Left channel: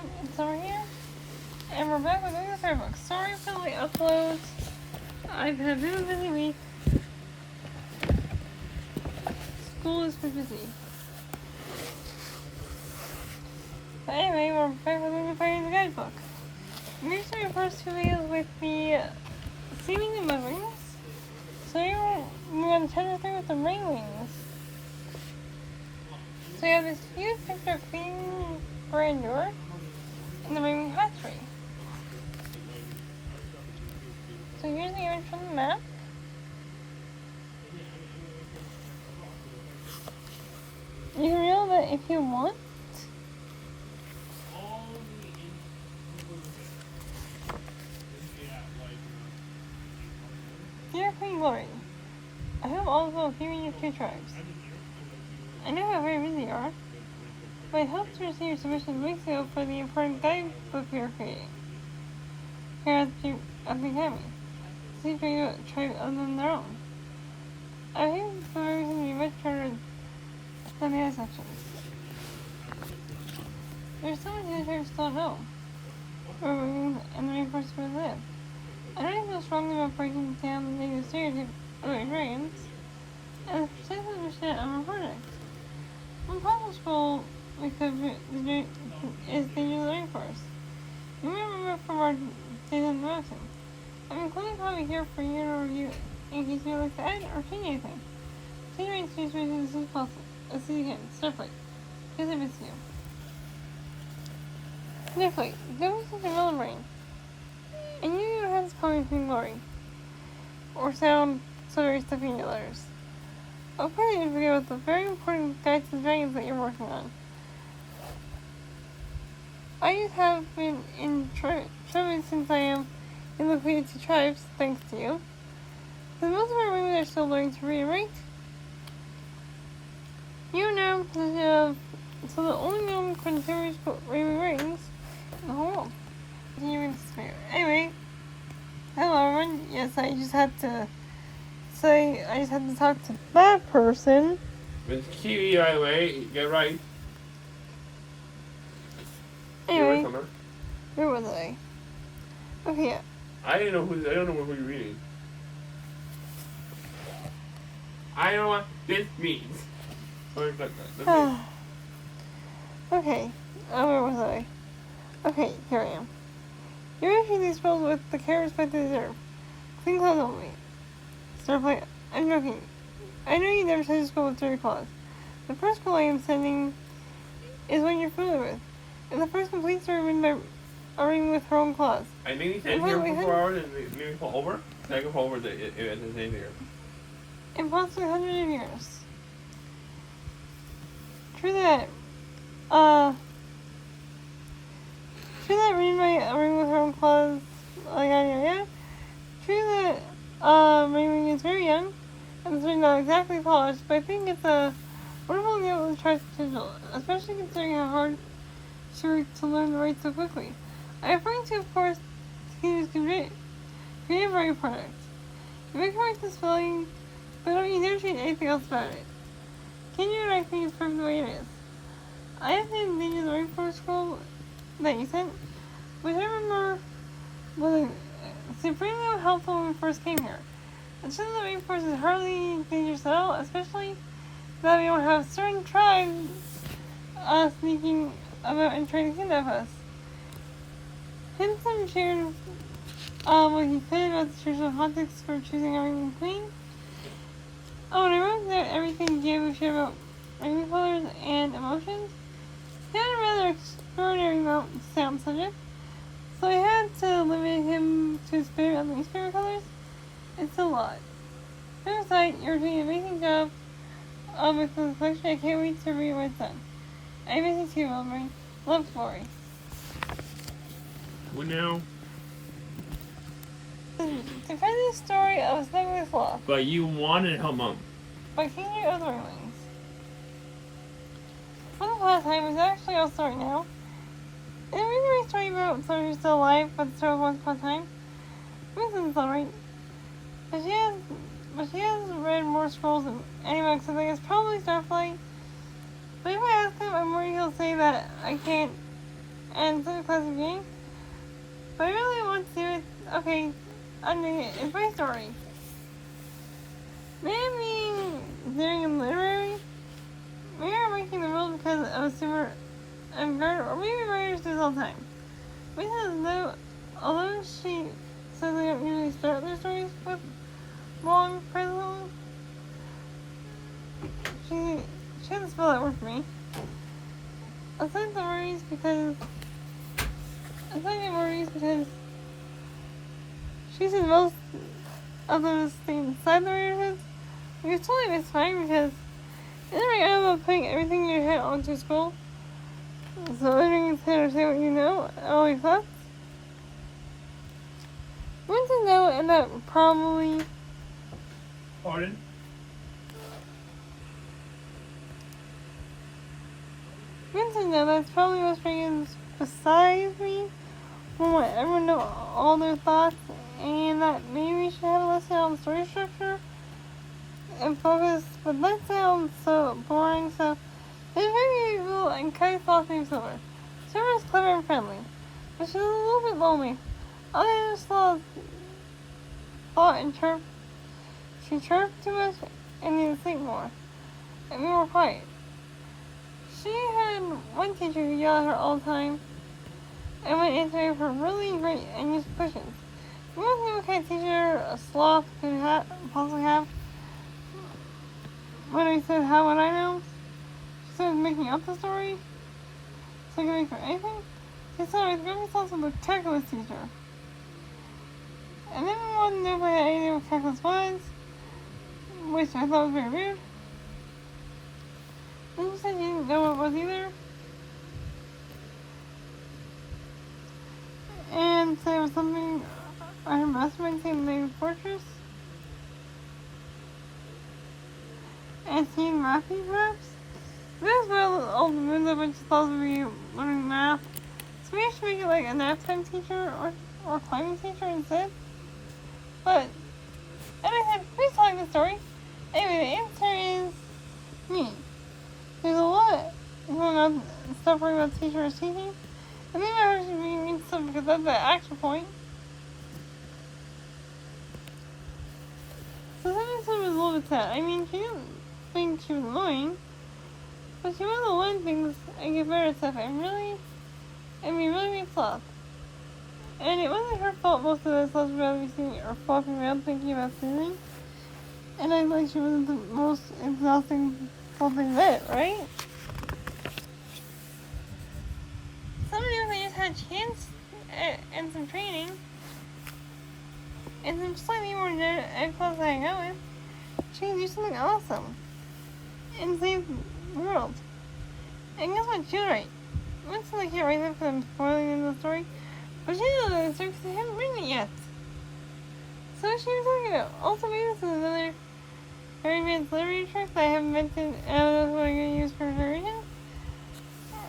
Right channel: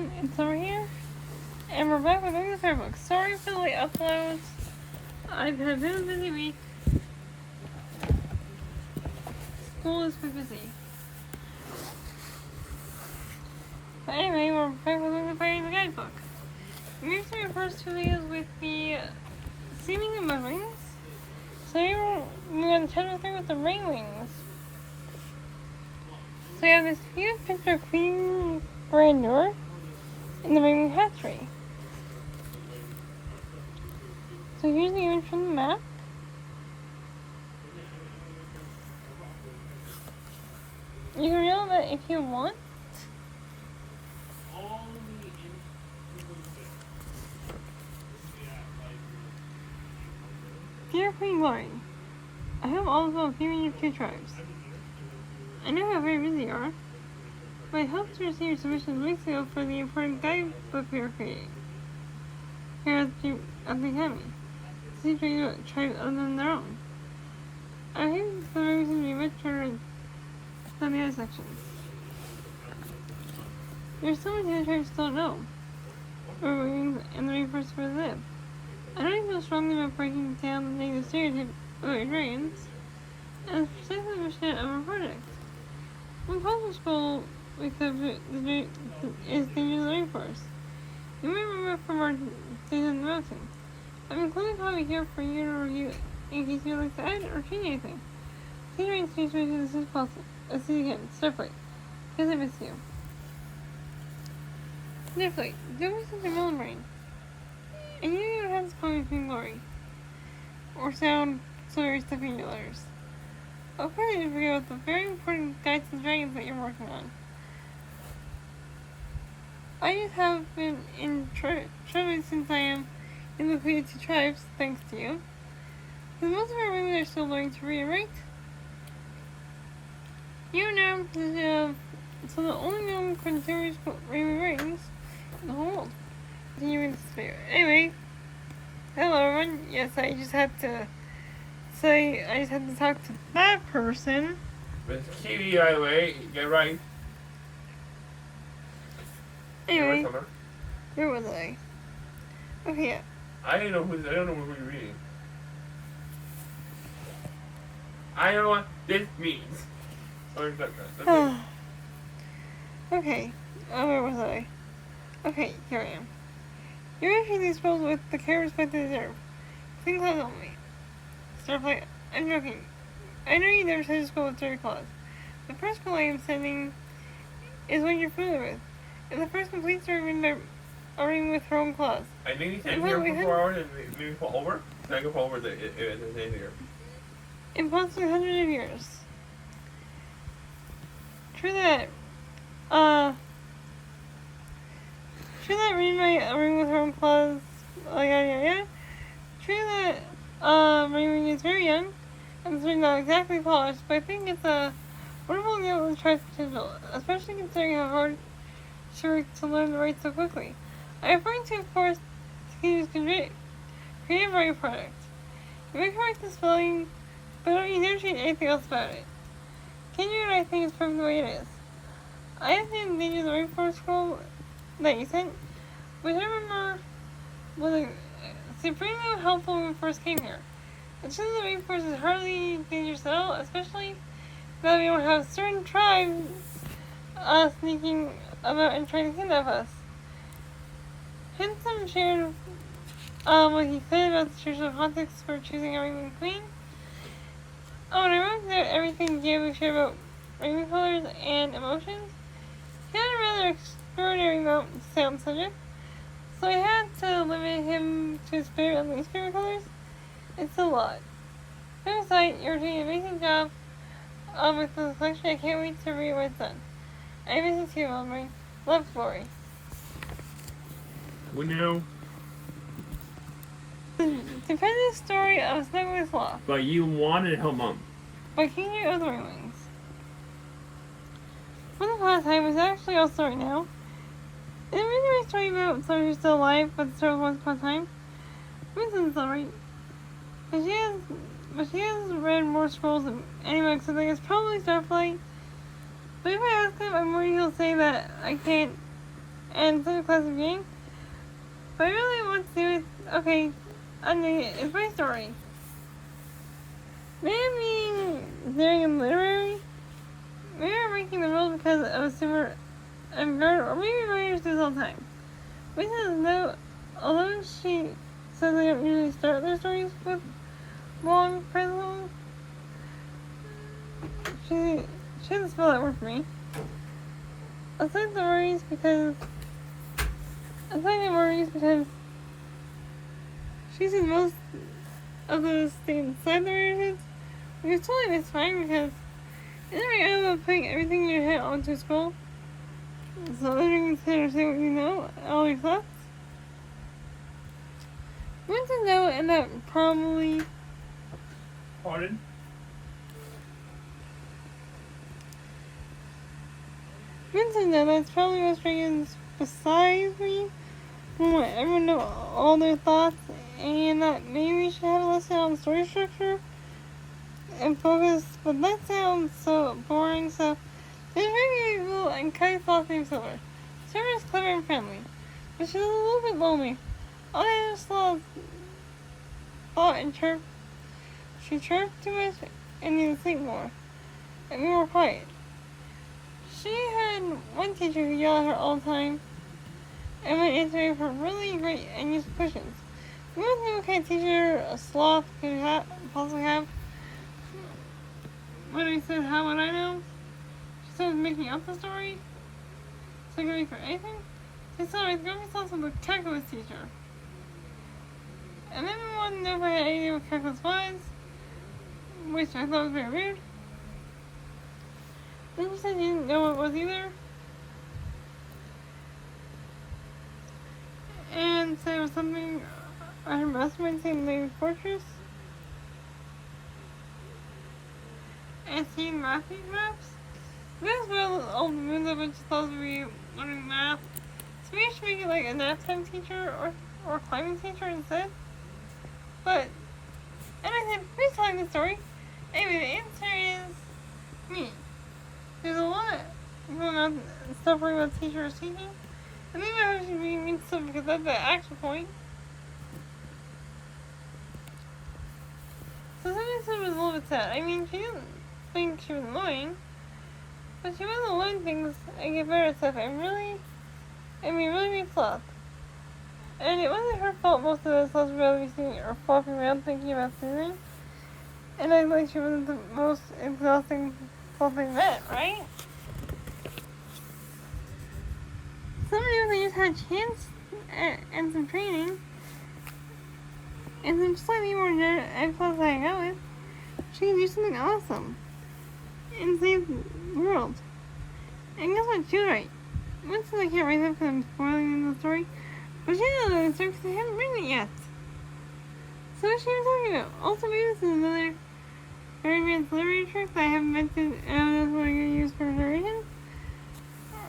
everyone, it's over here, and we're back with another Starbucks. Sorry for the late uploads. I've had a bit of a busy week. School is been busy. But anyway, we're back with another part of the guidebook. Usually the first two videos with the seemingly mud rings. So here we're on chapter 3 with the ring wings. So we have this huge picture of Queen Grandeur in the ringwing hatchery. So here's the image from the map. You can reveal that if you want. Dear Queen Glory, I hope all is well with you and your two tribes. I know how very busy you are, but I hope to receive your submission weeks ago for the important guidebook we are creating here at the Academy. See tribes other than their own. I think the reason to be much shorter than the other sections. There's so much the tribes still know, where wings and the rainforest where they live. I don't feel strongly about breaking down the negative stereotype about dragons, and precisely understand our project. One possible goal we could is the danger of the rainforest. You may remember from our days on the mountain. I'm including a copy here for you to review in case you would like to add or change anything. See your space rating as soon as possible. Let's see you again. Starflight. Because I miss you. Starflight. There was something wrong brain. And you don't have to call me Queen Glory. Or sound so very stuffy in your letters. Of course you forget about the very important guides and dragons that you're working on. I just have been in trouble since I am in the between the two tribes, thanks to you. The most of our women are still learning to read and write. You know, so the only known continuous reading rings in the whole world. Continuing despair. Anyway, hello everyone. Yes, I just had to talk to that person. With Kiwi, by the way, get right. Anyway, where was I? Okay. I don't know who you're reading. I don't know what this means. Okay. Where was I? Okay, here I am. You're entering these world with the care and respect they deserve. Clean clothes only. Starflight, I'm joking. I know you never tried to school with dirty clothes. The first goal I am sending is one you're familiar with. And the first complete story written by reading with her own claws. I think you said here for 4 hours and maybe pull over. Then I can pull over the here. Impossible hundreds of years. True that reading my ring with her own claws, True that ring is very young and it's not exactly polished, but I think it's a wonderful meal and tries potential, especially considering how hard to learn to write so quickly. I'm referring to, of course, creative writing products. You may correct the spelling, but don't you never change anything else about it. Can I think it's perfect the way it is. I have been in danger of the rainforest scroll that you sent, but I remember was supremely helpful when we first came here. And since the rainforest is hardly dangerous at all, especially now we don't have certain tribes sneaking about and trying to kidnap us. Hinson shared what he said about the traditional context for choosing a ring queen. Oh, and I wrote that everything Diego shared about ring colors and emotions. He had a rather extraordinary amount to say on the subject, so I had to limit him to his favorite and least favorite colors. It's a lot. Besides, you're doing an amazing job with the collection. I can't wait to read what it's done. I miss you too, Elmer. Love, Glory. We know. To find the story of Snuggle with Law. But you wanted help, Mom. By King of the Ringwings. For the last time is actually also right now. And I'm reading my story about someone who's still alive, but the story was once upon a time. Winston's alright. But she has read more scrolls than anyone, so I think it's probably Starflight. But if I ask him, I'm worried he'll say that I can't and in such a classic game. But I really want to do it. Okay, it's my story. Maybe I'm being daring and literary. Maybe I'm breaking the rules because I'm a super guard, or maybe writers do this all the time. Which is no, although she says they don't usually start their stories with long presents, she doesn't spell that word for me. Aside the worries because she sees most of those things inside the readers, which is totally misfine because isn't it right about putting everything in your head onto school? So everything is to say what you know, all your thoughts. Once you know, and that probably. Pardon? Once you know, that's probably what's bringing besides me. We'll let everyone know all their thoughts, and that maybe we should have a lesson on story structure and focus. But that sounds so boring, so it's very evil and kind of philosophy and similar. Sarah is clever and friendly, but she's a little bit lonely. All the other sloths thought and chirped. She chirped too much and needed to think more, and be more quiet. She had one teacher who yelled at her all the time, and would answer her really great and useful questions. You want to know what kind of teacher a sloth could possibly have? When I said, how would I know? She started making up the story, so I could make for anything. She said I was going to be also the calculus teacher. And then we wanted to know if I had any idea what calculus was, which I thought was very weird. Then she said she didn't know what it was either. And said it was something her mastermind said named Fortress. And seeing mathing perhaps. This is where all the moons of bunch of thoughts would be learning math. So maybe I should make it like a nap time teacher or climbing teacher instead. But, and I said, please tell me the story. Anyway, the answer is me. There's a lot going on stuff worrying about teacher or teaching. And maybe I should be mean stuff because that's the actual point. So this one was a little bit sad. I mean, she didn't think she was annoying, but she wanted to learn things and get better at stuff and really made sloth. And it wasn't her fault most of the sloths would rather be sitting or flopping around thinking about soothing. And I like she wasn't the most exhausting something that, right? Some of them just had a chance and some training and some slightly more genetic class to hang out with. She can do something awesome and save the world. And guess what? She was right. Once I can't write that because I'm spoiling in the story, but she didn't know the story because I haven't written it yet. So what she was talking about? Also, maybe this is another very advanced literary trick that I haven't mentioned, and that's what I'm going to use for narration.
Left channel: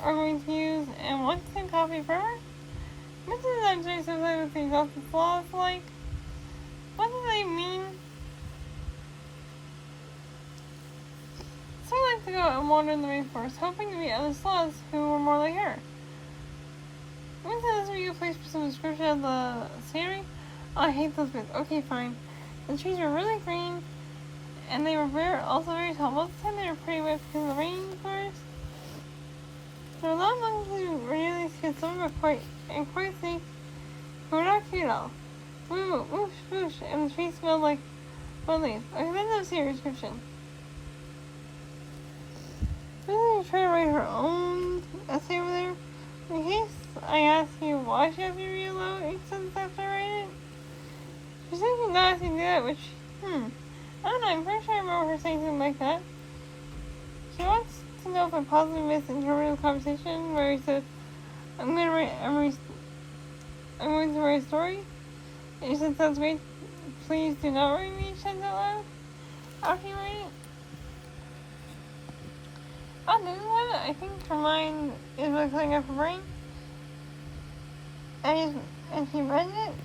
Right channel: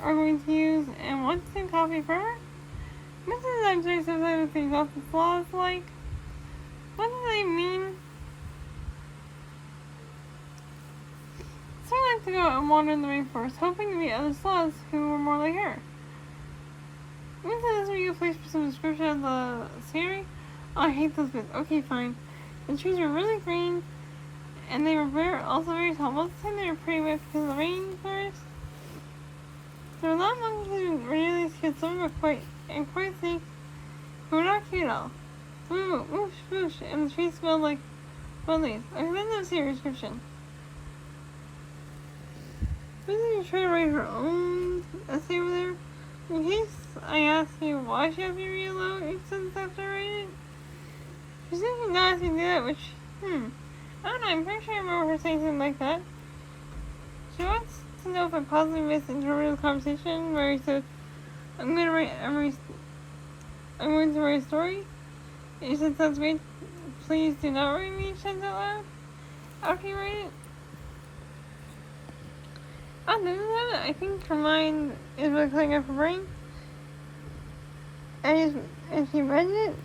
Are going to use and want to copy forever. This is actually sometimes things off the flaws like. What do they mean? So I like to go and wander in the rainforest, hoping to meet other sloths who were more like her. Once I was reading a place for some description of the scenery. Oh, I hate those bits. Okay, fine. The trees were really green, and they were also very tall. Most of the time they were pretty wet because of the rainforest. There were a lot of monkeys who really scared. Some were quite safe, but were not cute at all. Some went whoosh, whoosh, and the trees smelled like wild leaves. Okay, that's a serious description. Really try to write her own essay over there. In case I ask you why she has to read aloud each sentence after I write it. She said she's not asking to do that, which, I don't know, I'm pretty sure I remember her saying something like that. She wants to know if I possibly misinterpreted the conversation where he said, I'm going to write a story. And he said, sounds great. Please do not write me each sentence out loud after you write it. Other than that, I think her mind is really cutting up her brain. And if she read it,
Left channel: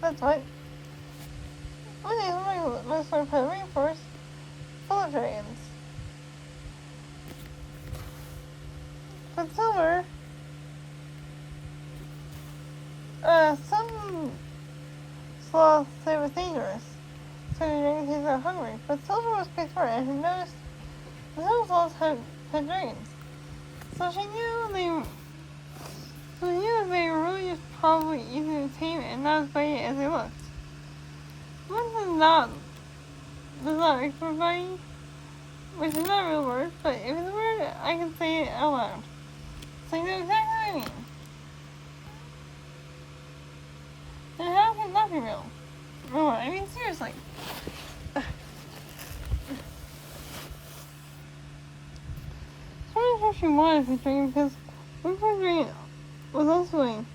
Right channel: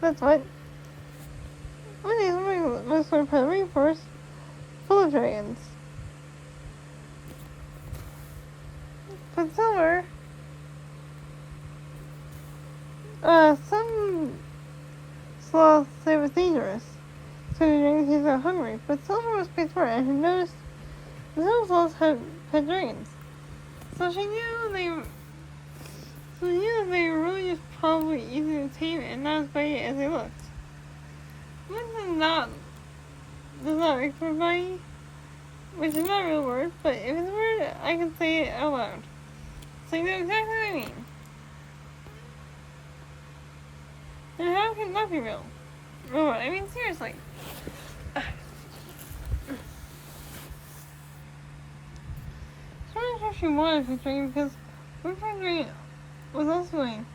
that's what. One day, somebody must learn part of the rainforest full of dragons. But Silver Some sloths say it was dangerous, so the dragons are hungry, but Silver was quite smart and had noticed the little sloths had dragons. So she knew they were really just probably easy to tame and not as bitey as they looked. One does not make for bitey, which is not a real word, but if it's a word, I can say it out loud. So you know exactly what I mean. And how can that be real? No, I mean seriously. I'm not sure she wanted to dream because what her dream was also doing.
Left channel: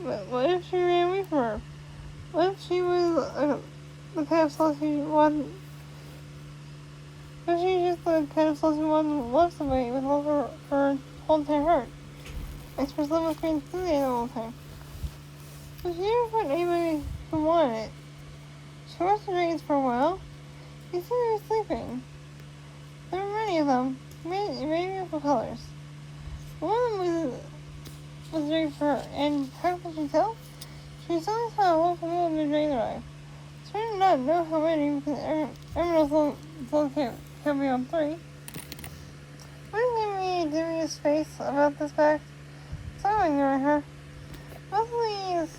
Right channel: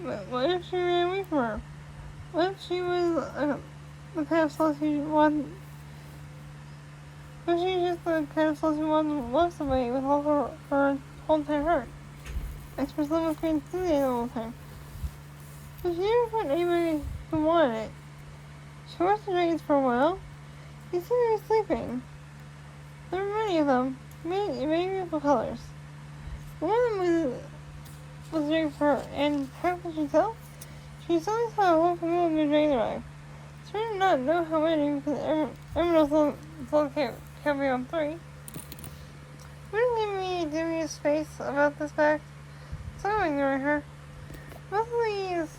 But what if she ran away from her? What if she was the kind of sloth she wanted? What if she was just the kind of sloth who wanted to love somebody with all her whole entire heart? Express love with great enthusiasm all the time. But she never found anybody who wanted it. She watched the dragons for a while. They said they were sleeping. There were many of them, many beautiful colors. One of them was a dragon for her, and how could she tell? She suddenly saw a whole family of new dragons arrive. She did not know how many because everyone else can be on 3. What gave me a dubious face about this fact? So I'm ignoring her. Most of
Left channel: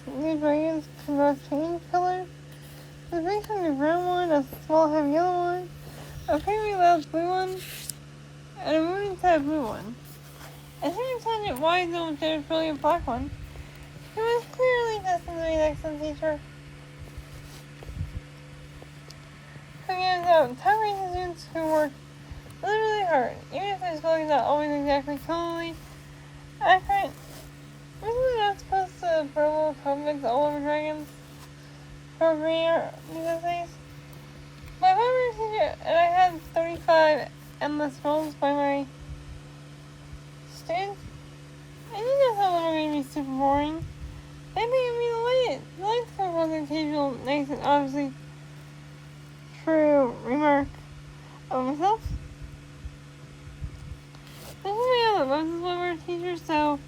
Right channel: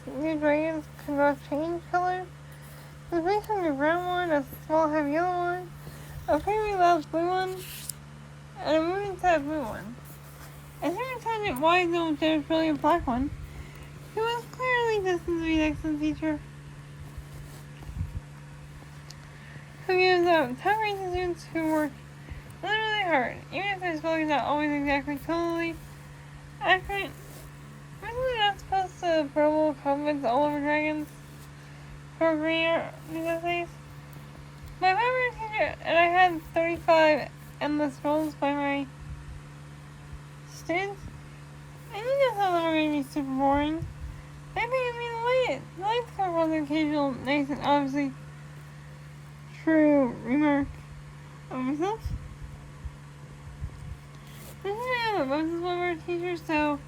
these new dragons could not change color. The big hungry brown one, a small heavy yellow one, a creamy loud blue one, and a moving sad blue one. I tried to find it wide though there's brilliant black one. It was clearly destined to be an excellent teacher. Who gives out top rating students who work really, really hard, even if their spelling is not always exactly totally accurate. We're not supposed to verbal compliments all over dragons for reading these essays. My favorite teacher, and I had 35 endless rolls by my students. I knew that's how little made me super boring. They think it'd be delighted. Delighted to come from the occasional nice and obviously true remark of myself. This is my other Moses Weber teacher, so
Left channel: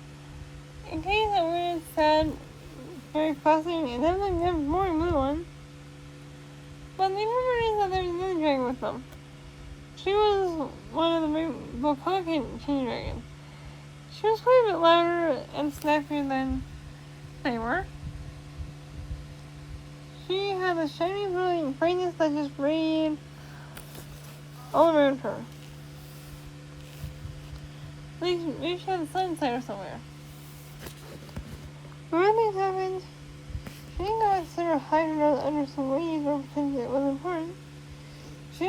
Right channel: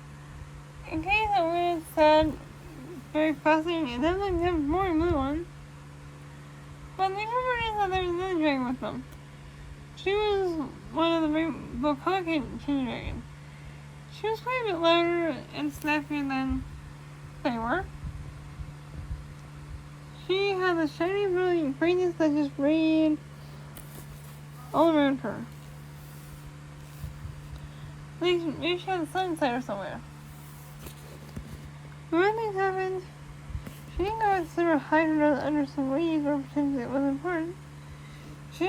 in case I wouldn't said very fussy, it doesn't have more than blue one. But the important is that there's another dragon with them. She was one of the rainbow color king dragons. She was quite a bit louder and snappier than they were. She had a shiny, brilliant brightness that just radiated all around her. Maybe she had the sun inside her somewhere. But when things happened, she didn't go outside or hide her under some leaves or pretend it was important. She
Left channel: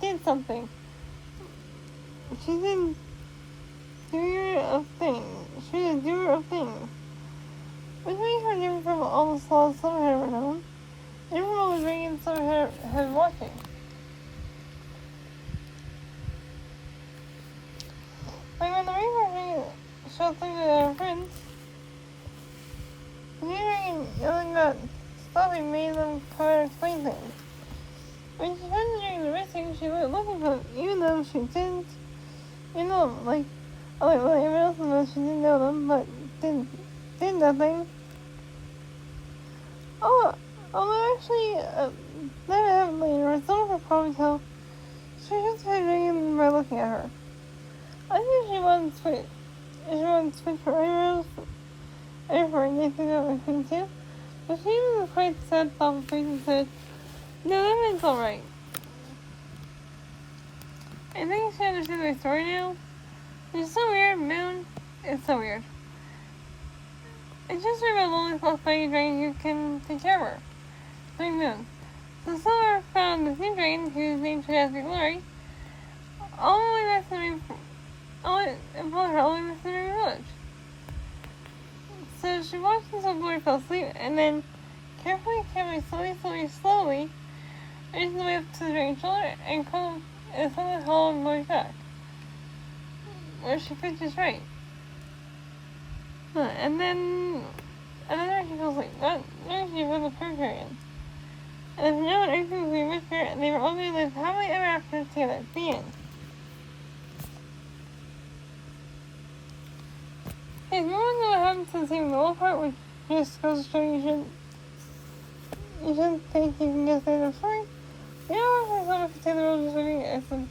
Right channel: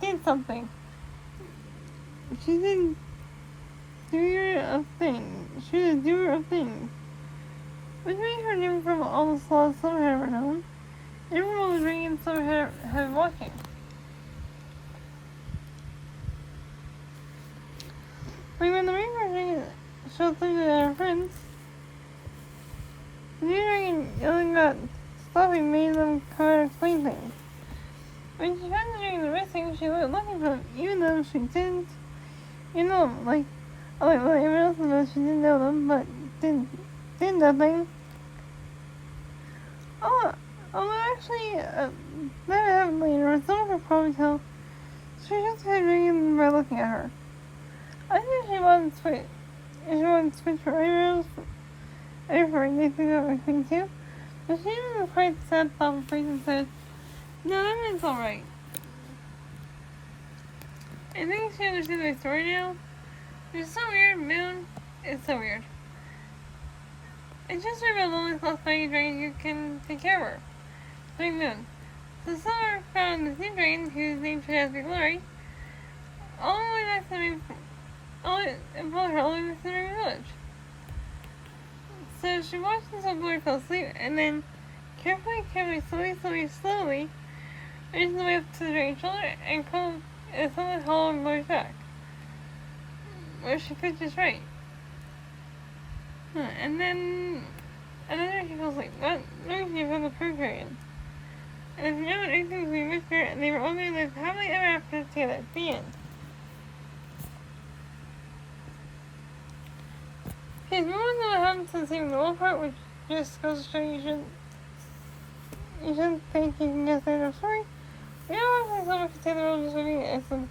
did something. She did doer of things. She was a doer of things. Which made her different from all the sloths Summer had ever known. And from all the dragons Summer had been watching. Like when the rainbow dragon showed something to her friends, the new dragon yelling about stopping made them come out and explain things. When she found the dragon missing, she went looking for them, even though she didn't know them. Like everyone else knows she didn't know them, but did nothing. Although actually, that happened later, and some of her probably tell she just had a dragon by looking at her. I think she wanted to switch her eyebrows and for anything that was thing too. But she was quite sad, thoughtful face and said, "No, that means alright." I think she understood my story now. It's so weird, Moon. It's so weird. It's just about lonely close by a dragon who can take care of her. Like Moon. So Summer found this new dragon whose name Fantastic Glory. All the way back to me. And pulled her all the way back to the village. So she watched until Glory fell asleep, and then carefully, slowly, reached the way up to the dragon's shoulder and suddenly hauled Glory's back, where she could just right. And then another she fell asleep, not she from the purge dragon. And if no one anything would be with her, and they were all going to live happily ever after together. The end. If no one know what happened to the saving the wolf part, which just goes to show you shouldn't think you can get there for free. You know, I think someone could say the world was reading excellent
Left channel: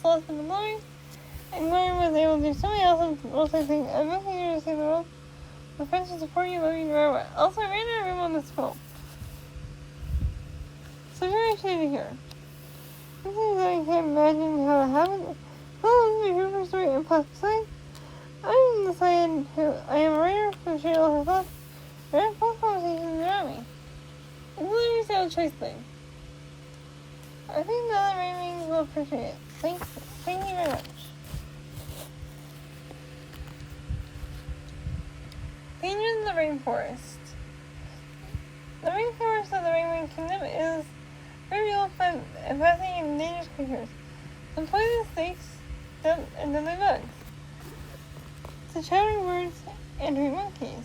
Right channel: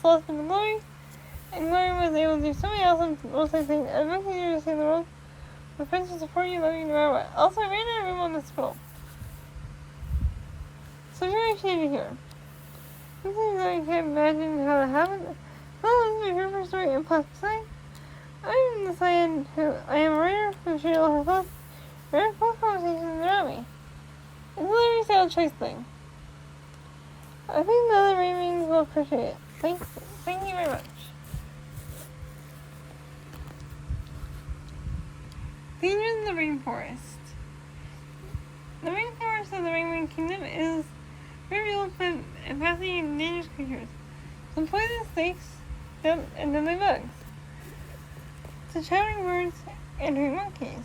Celeste and Glory, and Glory was able to do so many awesome rules. I think I'd love you to see the world. The friends will support you, love you no matter what. Also, I ran out of room on this film. So very excited to hear. Sometimes I can't imagine how it happened. Well, this is my favorite story, and plus, besides, I'm the scientist who I am a writer who shared all her thoughts. I read both conversations around me. It's literally a sound choice thing. I think the other Raymings will appreciate it. Thank you very much. Dangers in the rainforest. The rainforest of the Rainwing Kingdom is very old and fascinating and dangerous creatures. Some poisonous snakes and deadly bugs. To shouting birds and tree monkeys.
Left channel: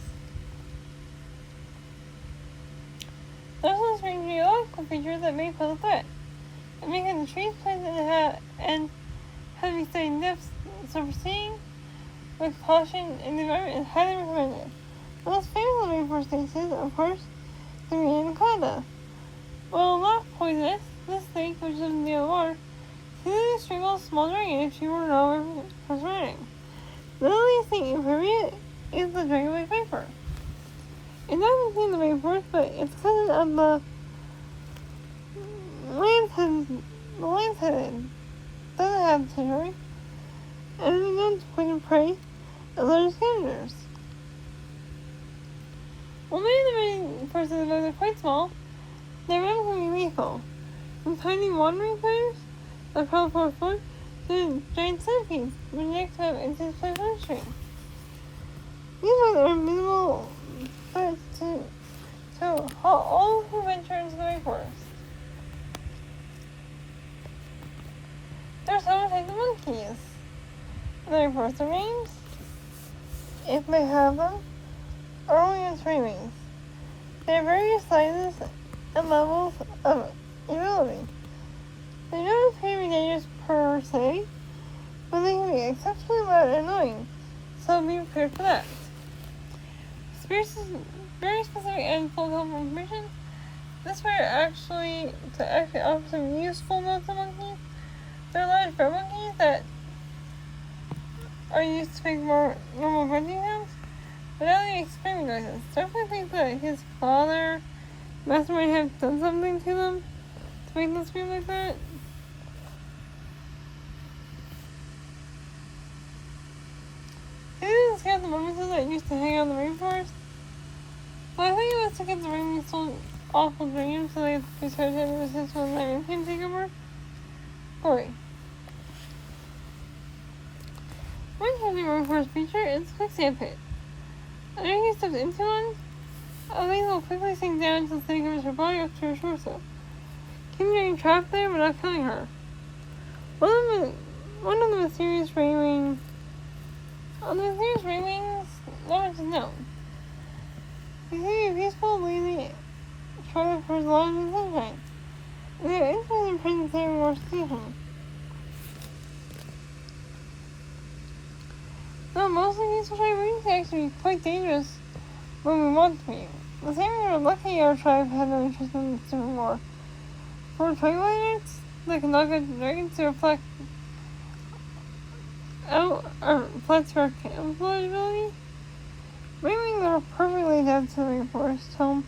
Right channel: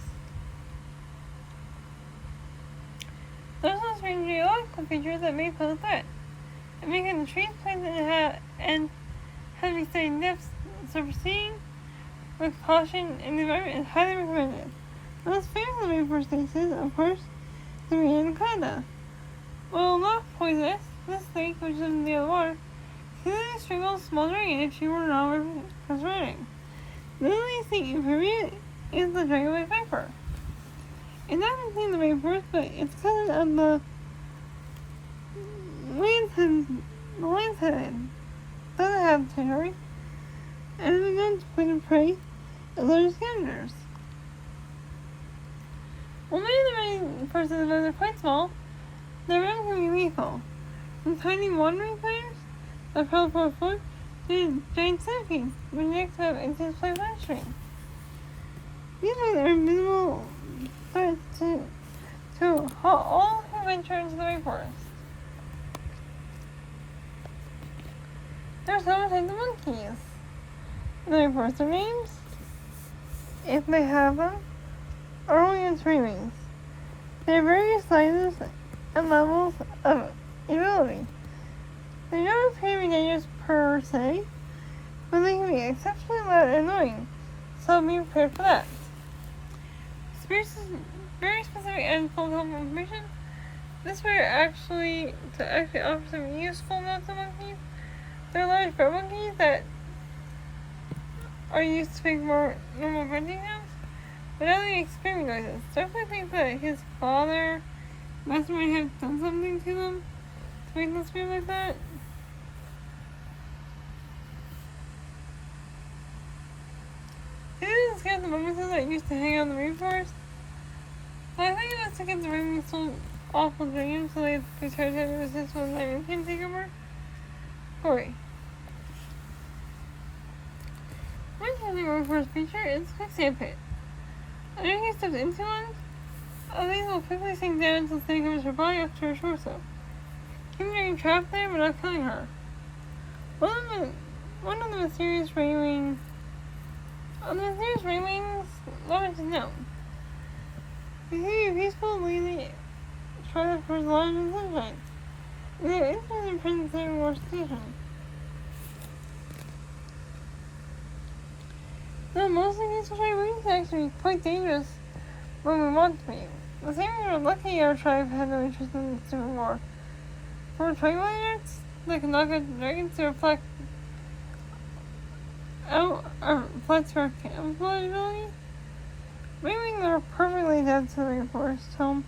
Those ones bring geological features that may pose a threat. It makes the trees, plants, and heavy studied depths, so proceeding with caution in the environment is highly recommended. The most famous rainforest snakes is, of course, the anaconda. While not poisonous, this snake, which lives in the other water, easily strangles small dragon if she were not running. The only snake inferior is the dragonfly viper. It's not seen in the rainforest, but it's cousin of the lance-headed. Doesn't have territory, and is known to poison prey and lure scavengers. While many of the rainforests are quite small, their venom can be lethal. From tiny wandering spiders that prowl for a foot to giant centipedes, which next have intense play bloodstream. These ones are invisible threats to all who venture into the rainforest. There are several types of monkeys in the rainforest. Their names, if they have them, are only in Raymings. They have various sizes and levels of ability. They don't appear to be dangerous per se, but they can be exceptionally loud and annoying, so be prepared for that. Very specific and full helpful information. This way actually offer some useful notes of monkeys. They're large bird monkeys that are used to make more normal grunting sounds, but now they make screaming noises. Definitely think that his father must might have done something to them to make them scream like that. These are the scouts and bonuses that used to hang out in the rainforest. But I think it was to get the Raymings so awful dreams, so they had to start having resistance when the Nightmare came take over. Glory. One changing rainforest feature is quicksand pit. After he steps into one, these will quickly sink down until the snake covers her body up to her torso, keeping her trapped there but not killing her. One of the mysterious Raywings, not much is known. They can be peaceful, lazy, shrouded towards light and sunshine, and they are interested in presence there more station. Though mostly peaceful Raywings are actually quite dangerous when we want to be. The same we were lucky our tribe had no interest in doing more. For Twilights, they can knock out dragons to reflect out our flex for camouflage ability. Raywings are perfectly adapted to the rainforest home.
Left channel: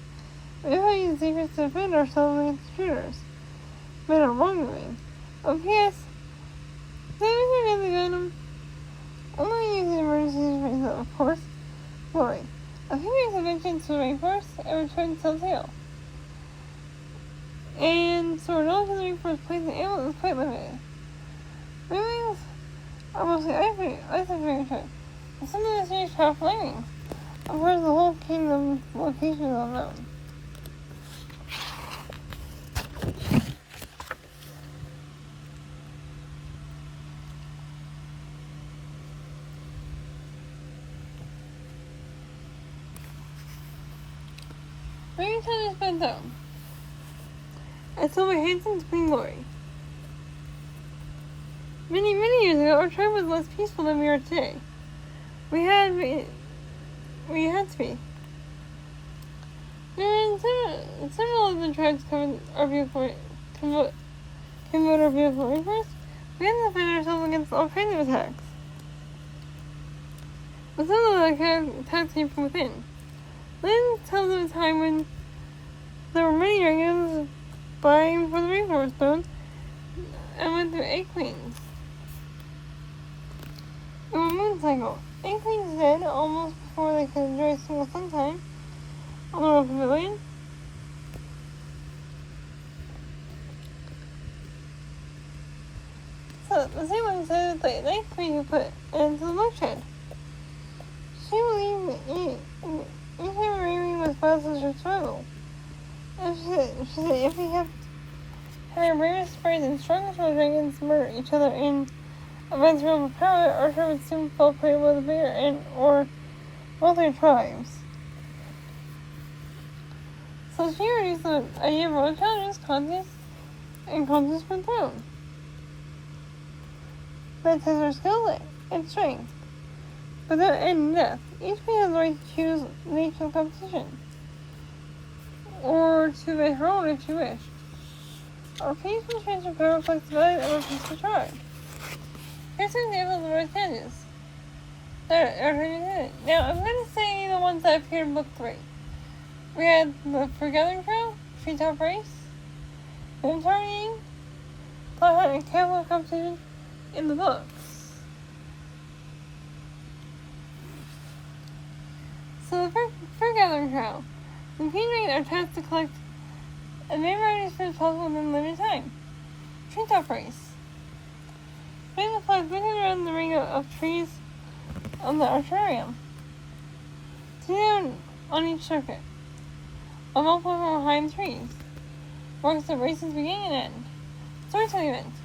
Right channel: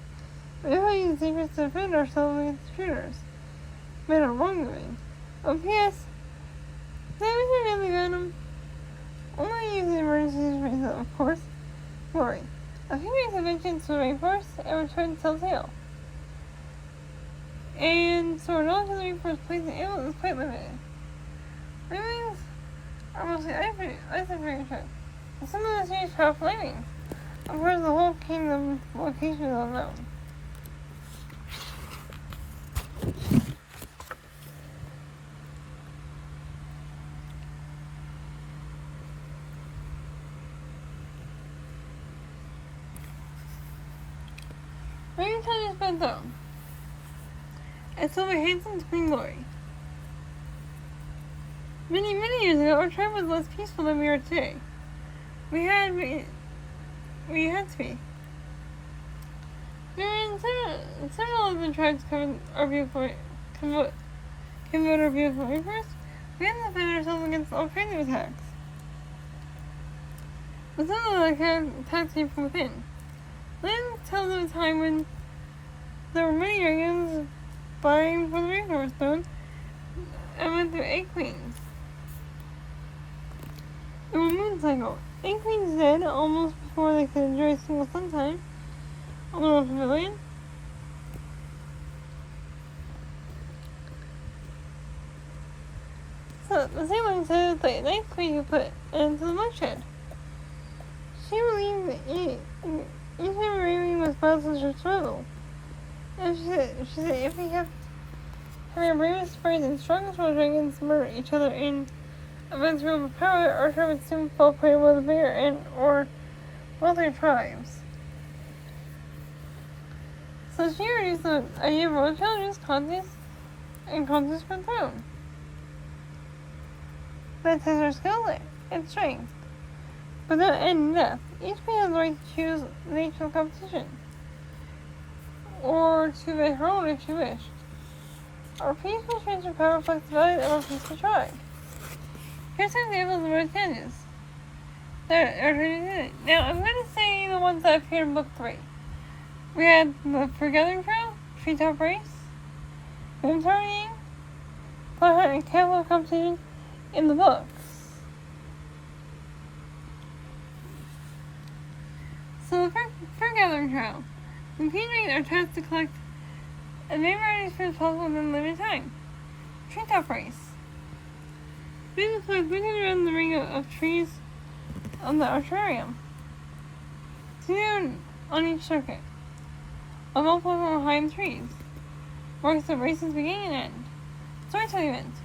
We know how to use secrets to defend ourselves against intruders. Men are wrongdoing. P.S. Saving her deadly venom. Only use the emergency reason, of course. Glory. A few days of venture into the rainforest and returned to tell tale. And so our knowledge of the rainforest place and animals is quite limited. Raywings are mostly isolated tribe, and some of the serious powerful Raywings. Of course, the whole kingdom location is unknown. Raventown has been down, and so my handsome to Queen Glory. Many years ago, our tribe was less peaceful than we are today. We had to be. several of the tribes convert our viewpoint first, we have to defend ourselves against all kinds of attacks. But some of the attacks came from within. Lynn tells of a time when there were many dragons vying for the Rainforest Stone and went through 8 queens. In one moon cycle, 8 queens died almost before they could enjoy a single sun on the Royal Pavilion. So the same one said that the 9th queen who put into the bloodshed. She believed each time Raven was puzzled her struggle. And she said if we have our bravest sprays and strongest dragons murder each other in immense realm of power, our tribe would soon fall prey with the bigger or wealthier tribes. So she introduced the idea of world challenges, contests, and contests for the throne. That tests our skill and strength. But without end death, each queen has the right to choose the nature of the competition, or to make her own if she wished. Our peaceful change of power reflects the value of our peaceful tribe. Here's some examples of our challenges. Now, I'm going to say the ones that appeared in Book 3. We had the Forgathering Trail, Treetop Race, Moon Targeting, Fly Hunt, and Camel competition in the books. So the Forgathering Trail. The Queen Dragons are tasked to collect as many varieties as possible within a limited time. Treetop Race. We will fly 300 around the ring of trees on the Archarium. 2 down on each circuit. A multiple from behind the trees. Marks the race's beginning and end. Storytelling event.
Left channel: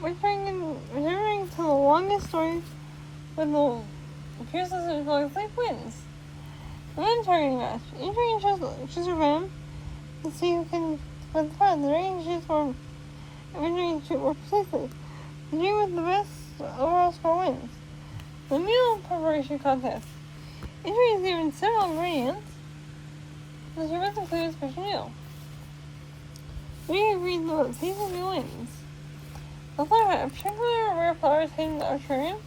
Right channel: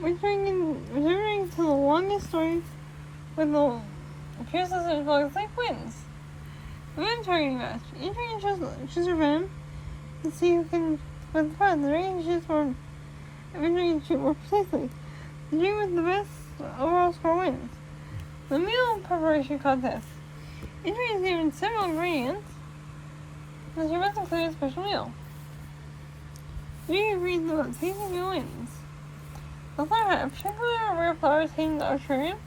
Returning to the longest story with the fiercest and longest life wins. The venom targeting match. Each dragon chooses her venom to see who can win the fight. The dragon shoots more, eventually shoot more precisely. The dragon with the best overall score wins. The meal preparation contest. Each dragon is given several ingredients, and she must include a special meal. We agreed that the tasty meal wins. The flower hunt. A particular rare flower is hidden in the Archarium,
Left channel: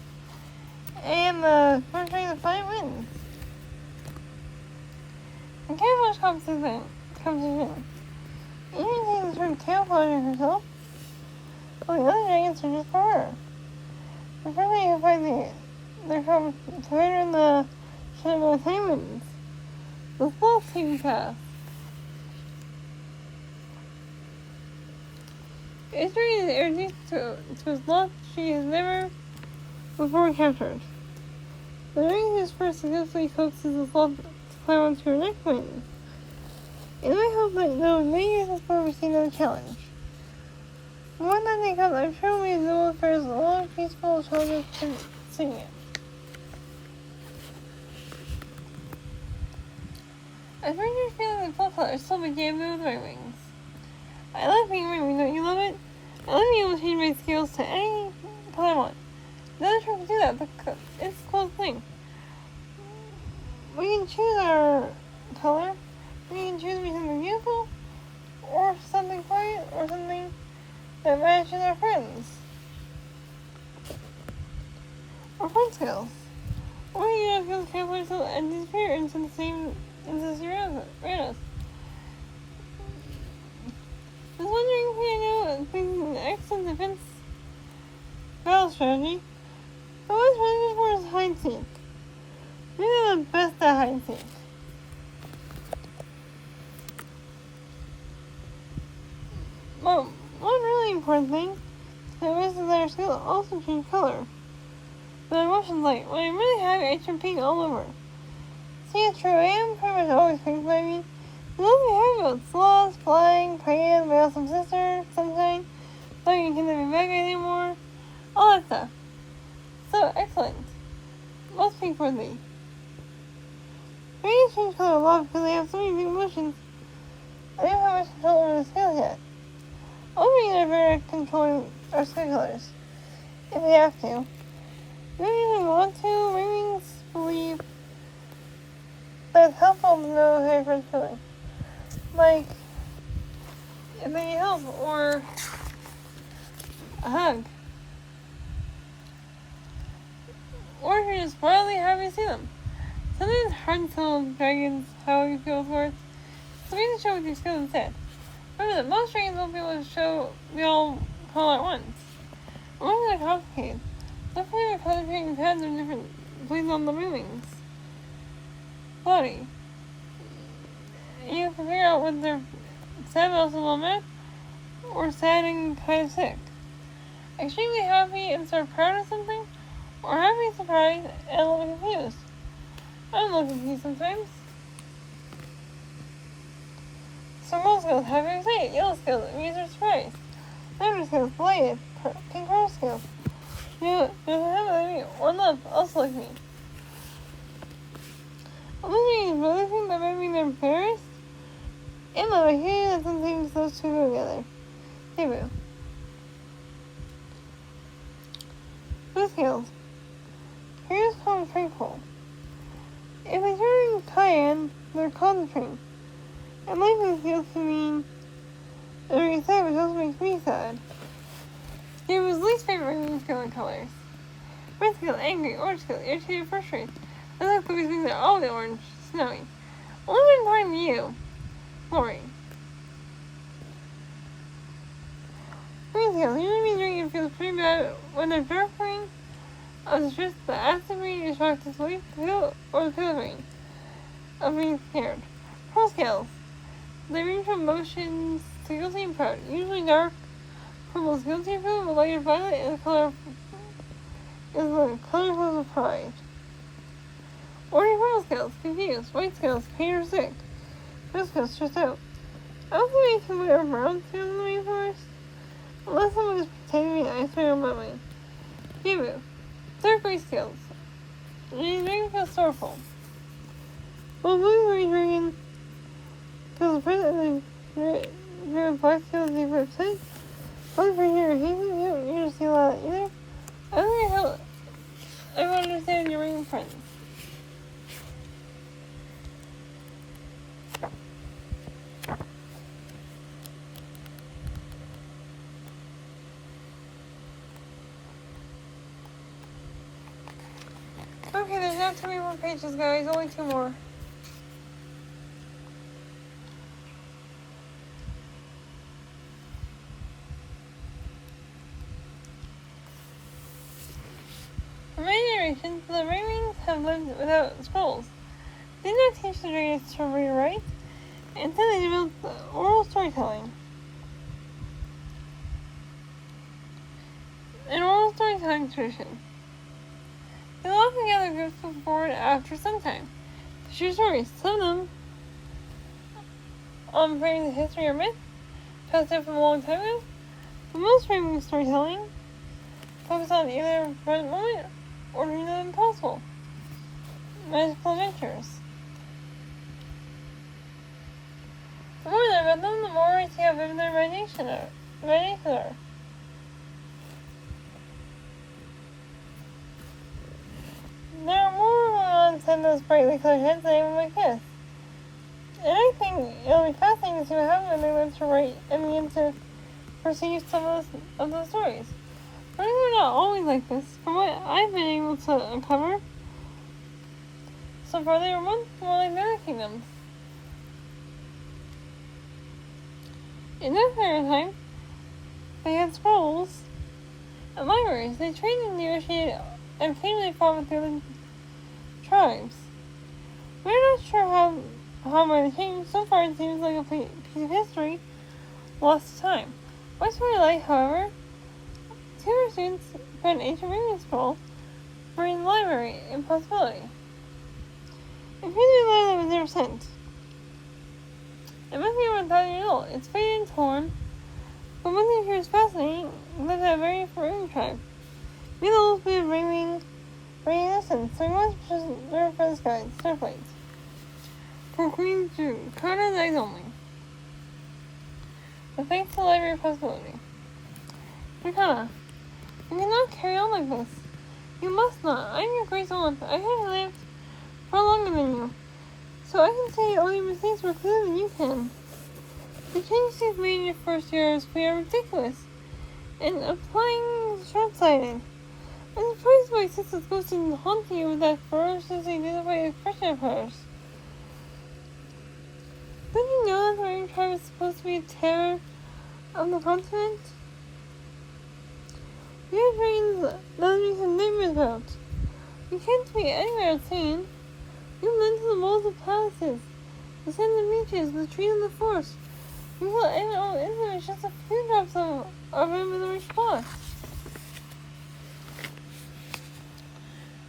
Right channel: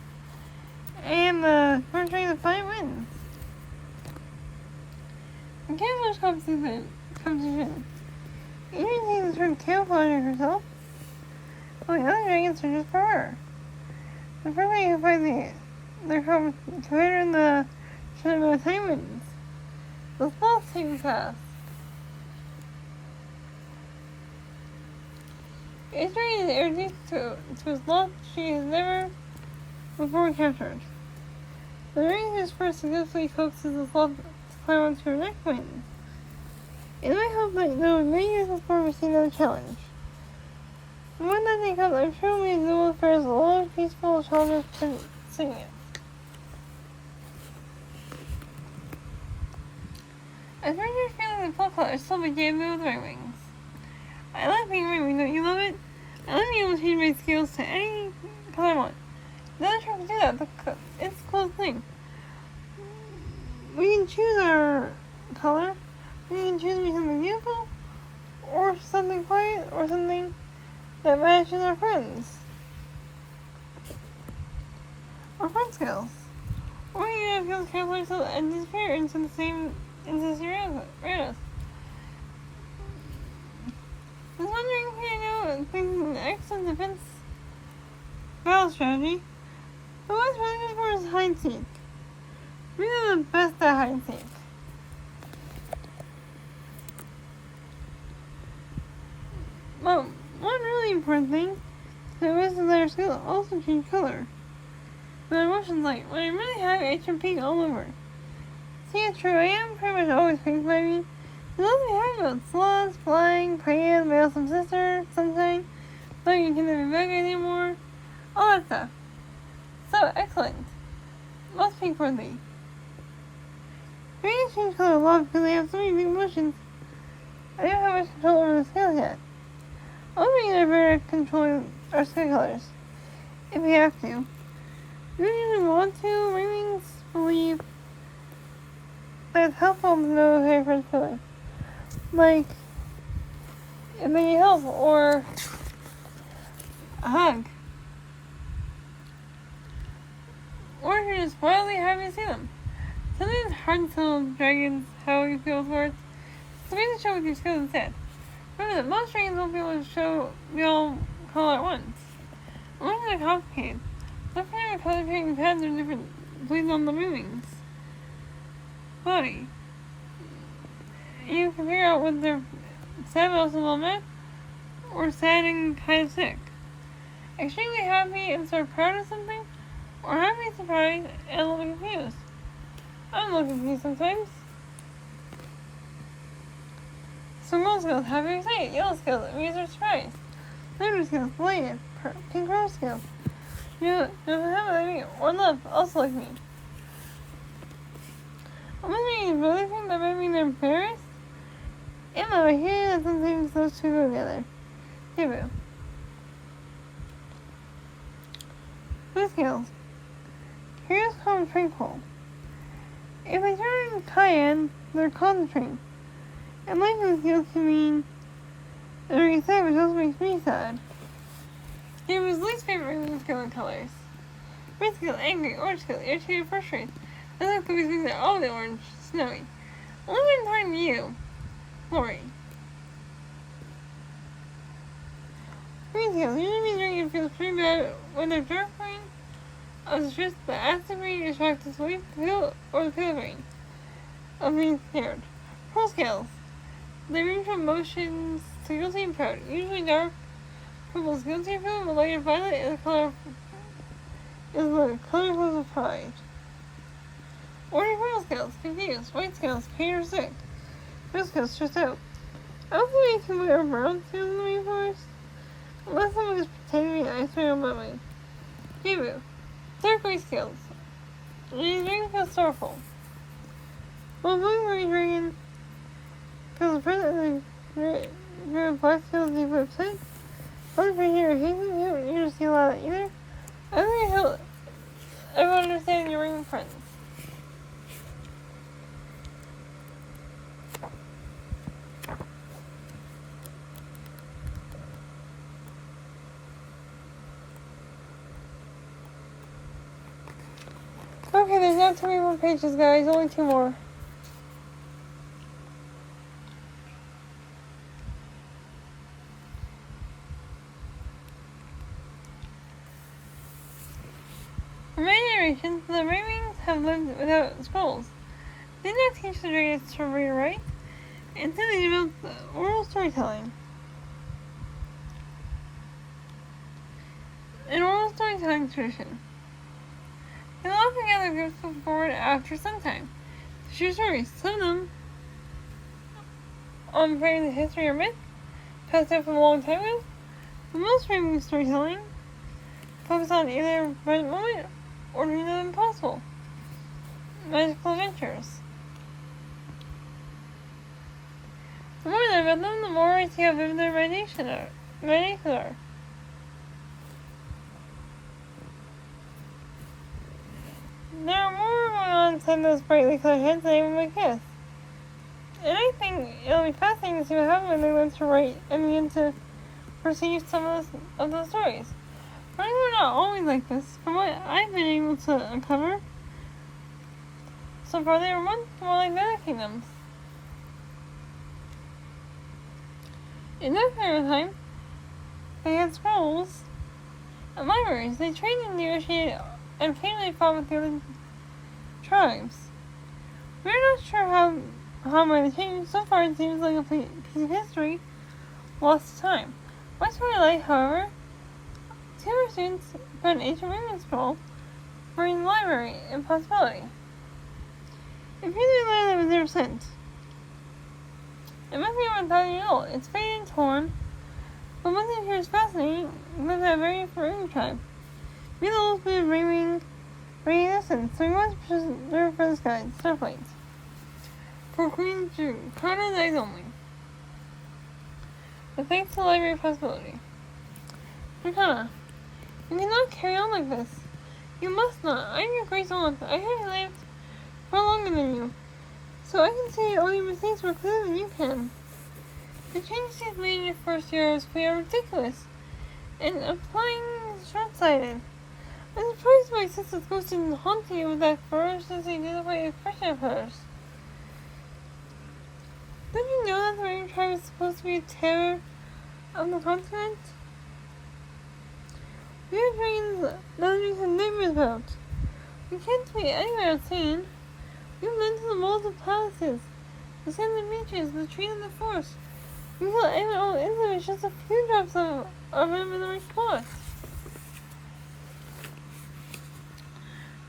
and the first dragon to find wins. The camouflage competition. Each team is turned camouflaging herself, while the other dragon searches for her. The first dragon who finds their competitor in the shadow of time wins. The sloth taking path. Each dragon is introduced to a sloth she has never before captured. The dragon who's first successfully coaxes the sloth to climb onto her neck wins. And I hope that those many years before we see another challenge. The one that they come, I'm sure we know affairs alone, peaceful, children can sing it. I think you're feeling the full color still began with my wings. I love being wings, don't you love it? I love being able to change my skills to any color I want. The other tribe to do that, it's a close thing. We can choose our color. We can choose to be something beautiful, or something quiet, or something that matches our friends. Our friend skills. Or we can feel careful ourselves and disappear into the same around us. I was wondering if you know things an excellent defense battle strategy. But what's really for is hide and seek. We are the best at hide and seek. But one really important thing is that our skill also change color. But our emotions light. When I'm really happy, I turn pink all over. See, it's true, I am pretty much always pink, baby. The nothing we have about sloths, flying, praying, my awesome sister, sunshine, though you can never be back anymore, all that stuff. So, excellent. Most pink for thee. Dragons change color a lot because they have so many big emotions. I don't have much control over the scales yet. I'll be better at controlling our skin colors, if we have to. We don't even want to. Ravens believe that it's helpful to know how your friends feeling. like if they need help or a hug. Or if you're just wildly happy to see them. Sometimes it's hard to tell dragons how you feel towards, so maybe show with your skills instead. Remember that most dragons won't be able to show we all color at once. Unless they're complicated. Look for your color changing pads or different bleeds on the movings. Body. You can figure out whether they're sad but also well met, or sad and kind of sick. Extremely happy and sort of proud of something, or happy, surprised, and a little confused. I'm a little confused sometimes. So gold skills, happy or excited, yellow skills, amused or surprised, lavender skills, delighted, pink rose skills, you don't have like me, or love, also like me. I'm looking at really think that maybe they're embarrassed. In love, I hear that sometimes those two go together. Debut. Blue skills. Here's called a train pole. If they turn cayenne, they're called a train. And lightning skills can mean they're excited, which also makes me sad. Debu's least favorite ring skill in colors. Red skill, angry, orange skill, irritated, frustrated. I like cookies being there all the orange, snowy. Only when talking to you, Lori. Green skills, usually means drinking feels pretty bad when they're dark green. It's just the acid green is shocked to sleep, pale, or the pale green of being scared. Pearl scales. They range from emotions to guilty and proud. Usually dark purple is guilty and proud, but lighter violet and the color is the color of pride. Ordinary pearl scales, confused. White scales, pain or sick. Blue scales, stressed out. I don't think I can wear brown scales in the rainforest, unless someone is pretending to ice cream on my mind. Debut. Dark gray scales. The dragon feels sorrowful. While blue gray dragon feels afraid that the black scales deep upset. One for here, he doesn't need to see a lot either. I think I help everyone understand your ring friends. Okay, there's not too many more pages, guys. Only 2 more. For many generations, the Ravens have lived without scrolls. They did not teach the dragons to read or write. Instead, they developed oral storytelling. An oral storytelling tradition. They will often gather groups before and after some time to share stories. Some of them on the history or myth passed down from a long time ago. But most Raven storytelling focus on either a present moment or dreams of the impossible. Magical adventures. The more I learn about them, the more I see how vivid their imaginations are. There are more going on inside those brightly colored heads than anyone might guess. And I think it'll be fascinating to see what happens when they learn to write and begin to perceive some of those stories. But we're not always like this. From what I've been able to uncover, so far they were once more like the other kingdoms. In that period of time, they had scrolls and libraries. They trained and negotiated and occasionally fought with the other tribes. We're not sure how might have changed. So far it seems like a piece of history lost to time. What's really like, however, 2 of our students found an ancient Raven scroll buried in the library in Possibility. It appears to be a letter that was never sent. It must be over 1,000 years old. It's faded and torn, but one thing here is fascinating about that very Raven tribe. We the old bit of Raven essence, so we must preserve for this guide, Starflight. For Queen June, Carter's eyes only. But thanks to the Library of Possibility. Mikana, you cannot carry on like this. You must not. I am your great aunt. I have lived far longer than you, so I can see all your mistakes more clearly than you can. The changes made in your first year of school are ridiculous, and applying is short-sighted. I'm surprised my sister's ghost didn't haunt you with that ferocious identified expression of hers. Did you know that the Rain Tribe is supposed to be a terror of the continent? We have dragons that we have nightmares about. We can't be anywhere unseen. We've been to the walls of palaces, the sandy beaches, the trees of the forest. We feel all intimate just a few drops of them in the response.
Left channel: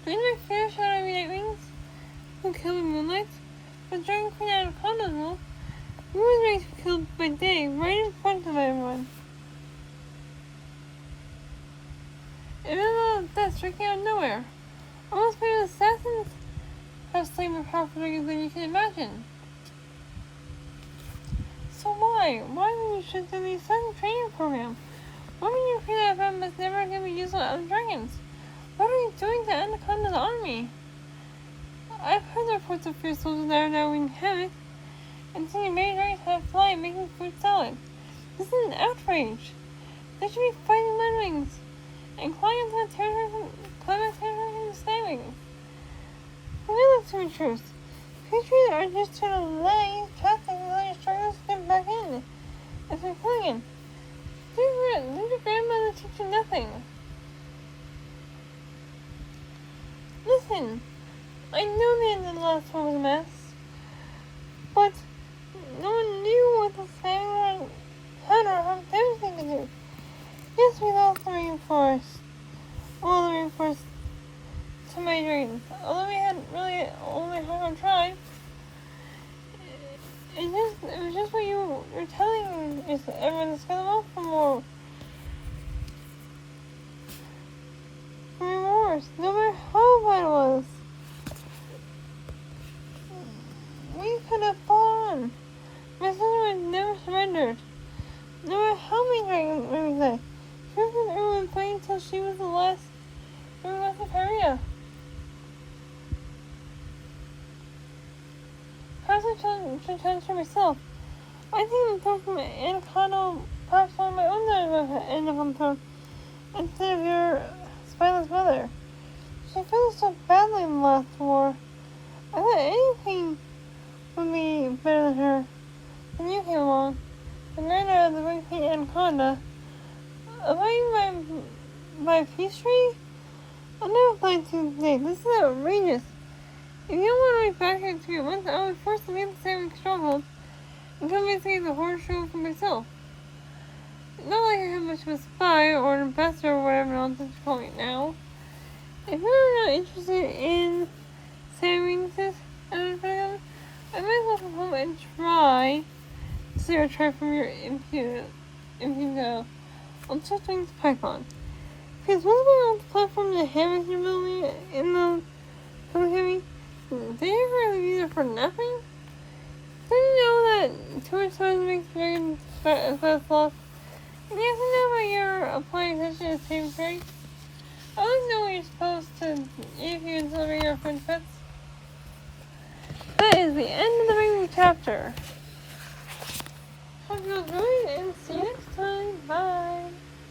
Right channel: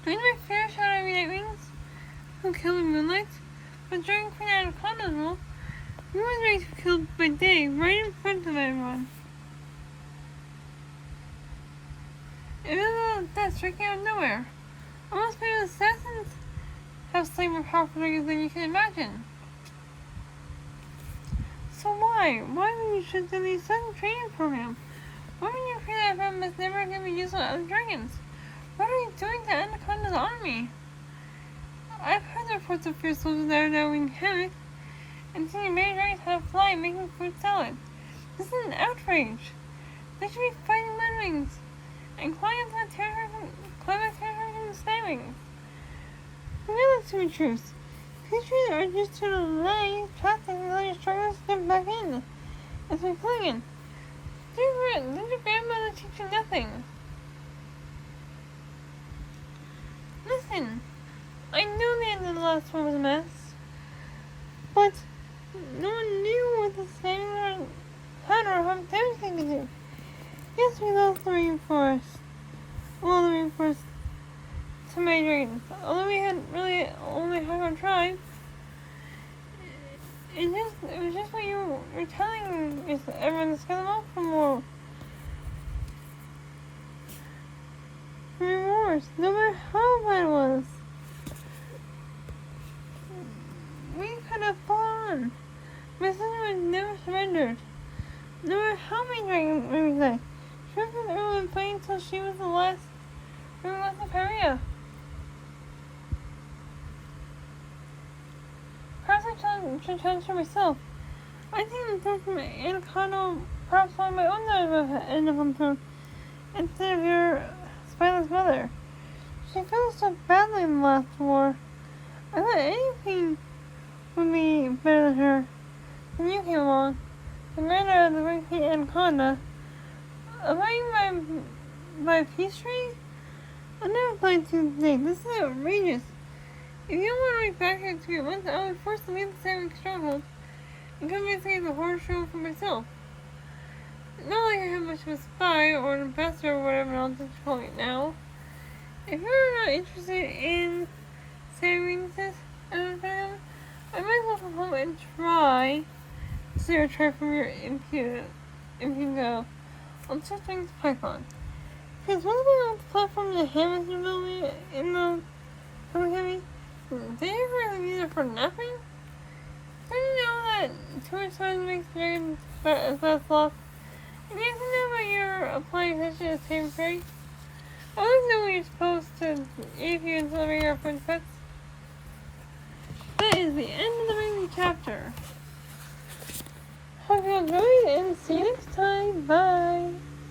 During my fair share of night wings, who killed in moonlight, but during Queen Anaconda's rule, we were ready to be killed by day, right in front of everyone. It was a death striking out of nowhere. Almost made assassins have slain more powerful dragons than you can imagine. So why? Why would you choose to be sudden training program? Why would you feel that FM is never going to be used on other dragons? What are you doing to Anaconda's army? I've heard reports of fierce soldiers that are now wreaking havoc, and seen many dragons how to fly making food salad. This is an outrage. They should be fighting landwings and climbing into the territory from the sky wings. Forget that to be truth. Creatures are just to delay traffic and let your struggles get back in. It's like clinging. Did your grandmother teach you nothing? Listen, I know the end of the last one was a mess, but no one knew what the Samurai had or how everything could do. Yes, we lost the rainforest. Well, the rainforest to my dragons. Although we had really only half our tribe, it was just what you were telling me. Everyone's gonna look for more. Remorse, no matter how bad it was. We could have fought. My sister was never surrendered. No matter how many dragons we say. She was in Erwin fighting until she was the last of Paria. Perhaps I should challenge her myself. I think the throne from Anaconda, perhaps one of my own daughters would end up on the throne instead of your spineless mother. She failed so badly in the last war. I thought anything would be better than her. Then you came along, the murder of the Ring Queen Anaconda. Avoiding my peace tree? I never planned to think. This is outrageous. If you don't want to read back here to me once, I would force the leave the same struggle and come and see the horror show for myself. Not like I have much of a spy or an ambassador or whatever nonsense you're calling it now. If you're not interested in saving this, I might as well come home and try to steer a try from your impudent on such things Python. Because what's going on the platform the hammers you're building in the heavy? Did you really be there for nothing? Did you know that too much time makes dragons fast lost? And you have to know about your applying attention to same fairy? I always know what you're supposed to if you celebrate your friend's pets. That is the end of the Ring chapter. Hope you enjoyed and see you next time. Bye.